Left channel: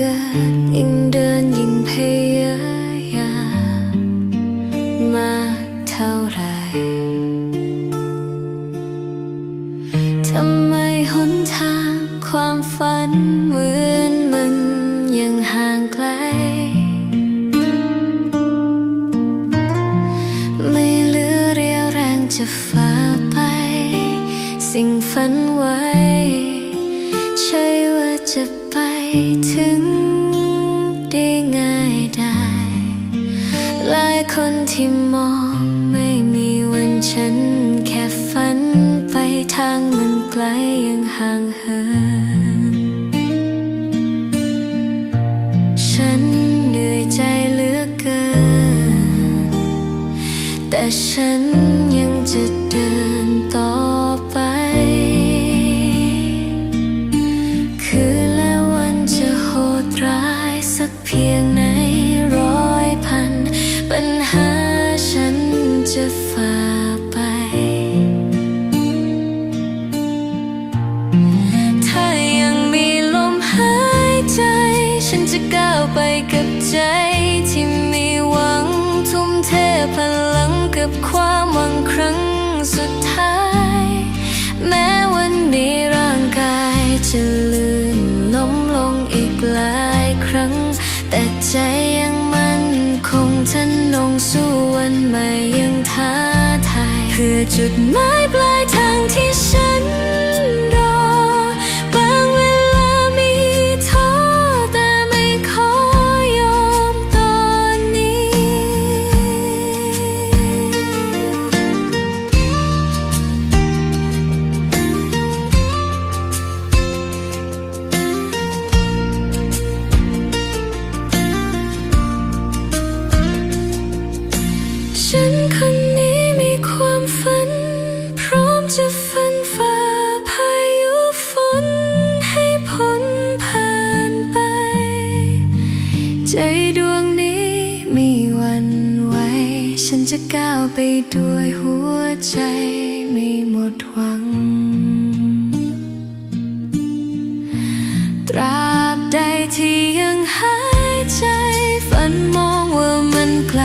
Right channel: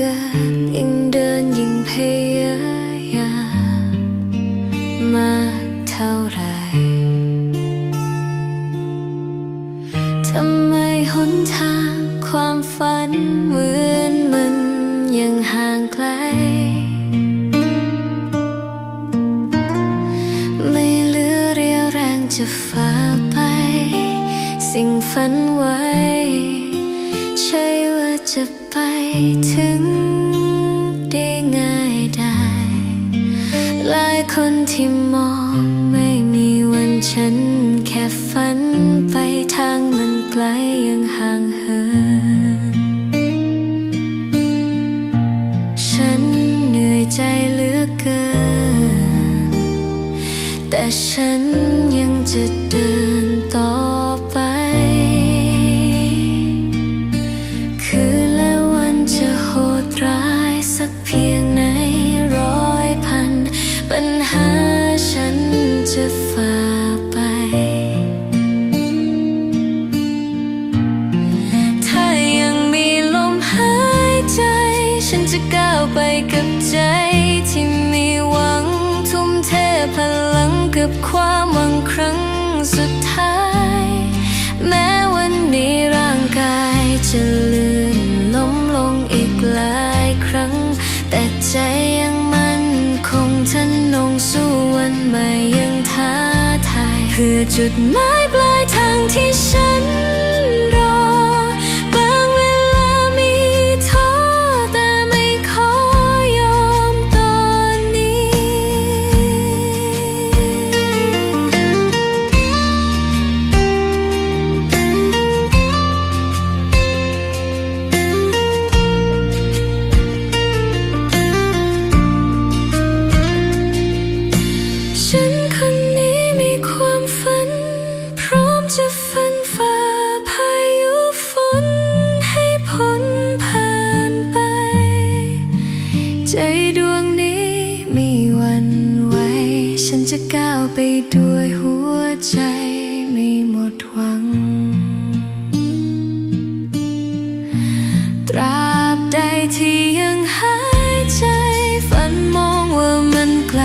เกินยิ่งเดินยิ่งพยายามมากเท่าไรทำไมหนทางความฝันเหมือนมันยังห่างไกล ไม่เหลือเรียวแรงจะฝ่าไป สิ่งฝันไว้ ใช่ว่าจะไปถึงาย หลายคนที่มองไม่มีวันฉัน แค่ฝันไปทางมันไกลยังห่างเหิน ฉันเหนื่อยใจเหลือเกิน แต่ฉันยังจะเดินต่อไป คืนและวันจะโหดร้ายสักเพียงไหน จะฝ่าไป ถ้ายังมีลมหายใจ ฉันจะก้าวไปกับใจ ที่มีหวังทุ่มเทพลังกับความหวังครั้งสุดท้าย แม้วันนี้ร่างกายจะลื่นล้มลงอีกหลายครั้ง แต่ใจยัง คงทะนงสู้วันใหม่ยังท้าทายเพื่อจุดหมายปลายทางที่ฉัน จะฟันฝ่าพายุฝนให้พ้นผ่านไป ใจดวงนี้ไมีวันไหวฉันจะก้าวไปด้วยหัวใจไม่หมดหวัง ตราบใดที่ยังหายใจ ฝันมองว่ามันไกล